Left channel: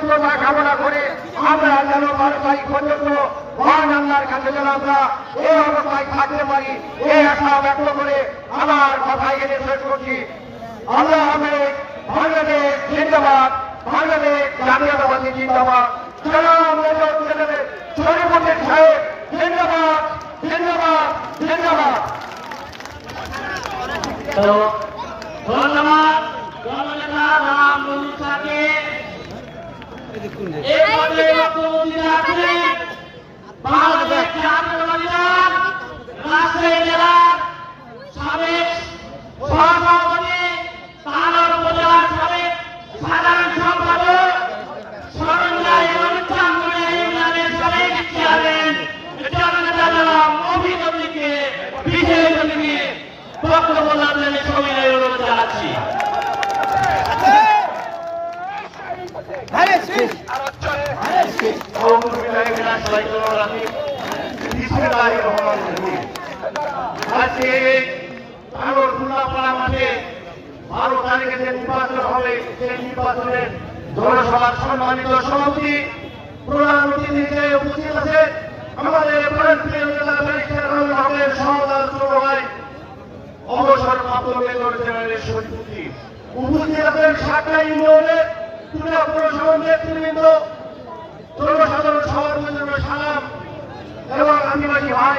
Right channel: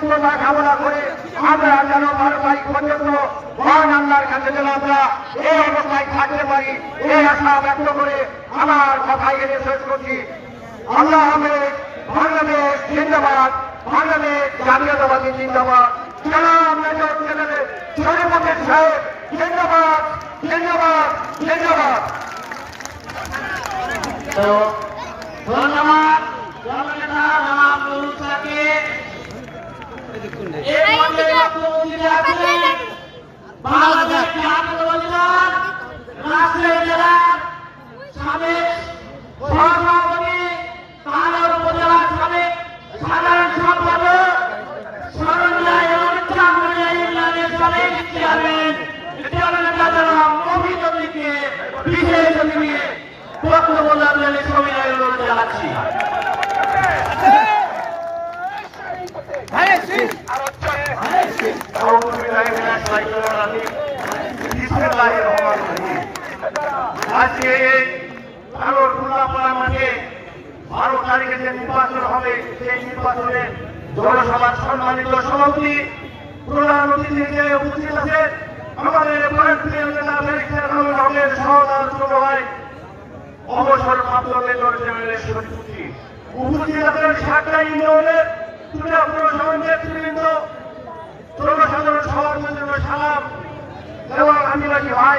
সুস্থতা কামনা করে আমরা যেন 12 তারিখ পর্যন্ত মহান আল্লাহর কাছে যেন আমরা এই অবস্থায় থাকতে পারি এই আশা ব্যক্ত করে আমার কথা এখানে শেষ করছি। আল্লাহ হাফেজ। বাংলাদেশ জিন্দাবাদ, বাংলাদেশ জাতীয়তাবাদী জিন্দাবাদ। সালাম মেজর জেনারেল শরীফুদ্দিন সাহেব জিন্দাবাদ, জিন্দাবাদ, জিন্দাবাদ। ধন্যবাদ দলনেতা জনাব নুরুল ইসলামকে। এই পর্যায়ে বক্তব্য দিতে আসছেন বাংলাদেশ জাতীয়তাবাদী দল রাজশাহী জেলার সাবেক সহসভাপতি, তানোর উপজেলার সাবেক সাধারণ সম্পাদক, সরঞ্জা ইউনিয়নের সাবেক চেয়ারম্যান দলনেতা জনাব মফিজ উদ্দিনকে বিশেষ অতিথি বক্তব্য রাখলেন সবিনয় অনুরোধ জানাচ্ছি। আজকে ভারত উল্লাপাড়া মাঠে 12 তারিখে যে নির্বাচন হবে সেই নির্বাচনের জনসভার সম্মানিত সভাপতি প্রধান অতিথি হিসেবে উপস্থিত আছেন আমাদের প্রিয় নেতা ব্যারিস্টার আনোয়ার হকের সহোদর ছোট ভাই অবসরপ্রাপ্ত মেজর জেনারেল শরীফুদ্দিন। উপস্থিত আছেন সাতটা ইউনিয়নের পৌরসভার নেতৃবৃন্দ, জনসাধারণ সবার জন্য সালাম এবং আদিবাসী ভাই